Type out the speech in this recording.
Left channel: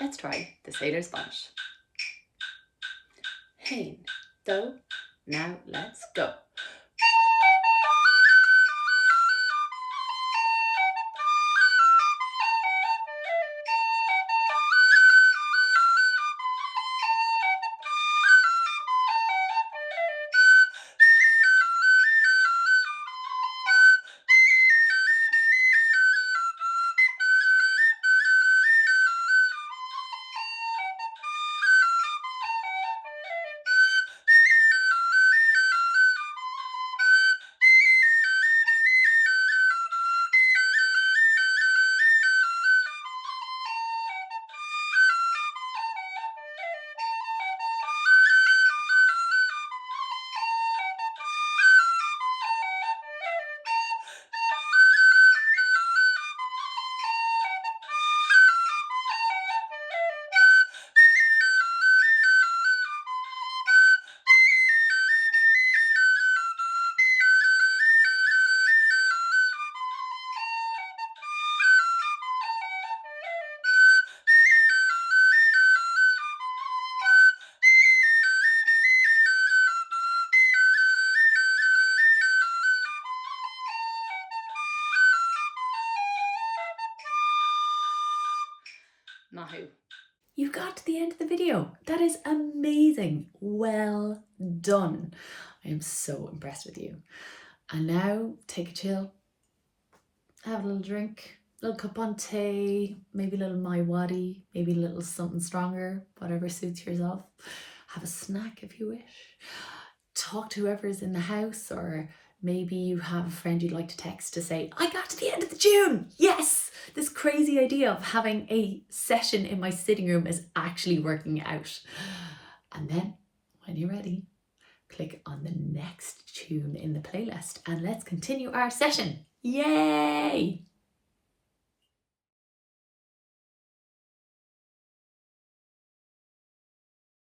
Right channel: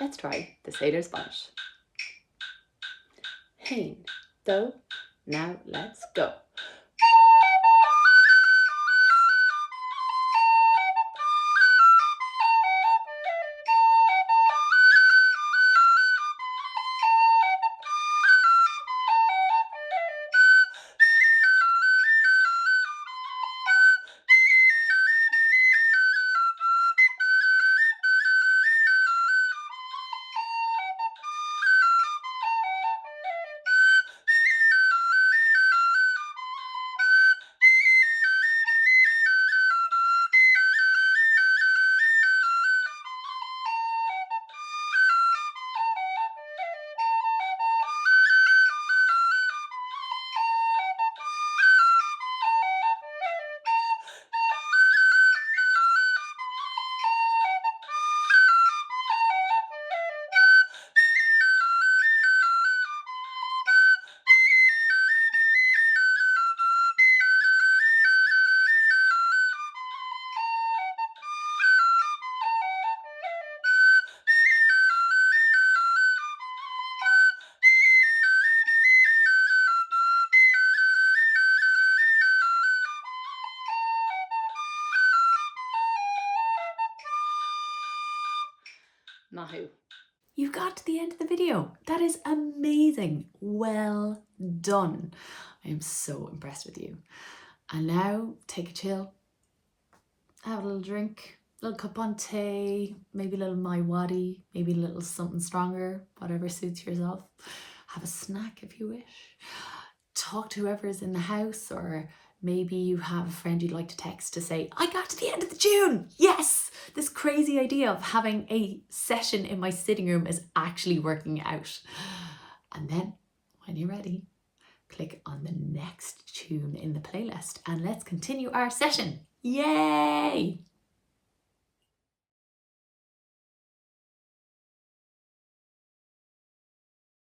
Let's try the Sailor's Bonnet. Hein, do, now let's go. Mahu. You got to the end of the video. That is amazing. Well done. I am so impressed with you. And now take a chill, have a little drink, a little cup on tea, maybe a little my waddy, maybe a little something stronger, whatever suits yourself. Have a snack if you wish. Talk to whoever's in the house, or maybe you have a friend you'd like to text to say, I got to the end of the tune. Yes, this crazy idea of having a session in my sitting room is actually working out. And then when you're ready, click on the next tune in the playlist and let's continue our session. Yay!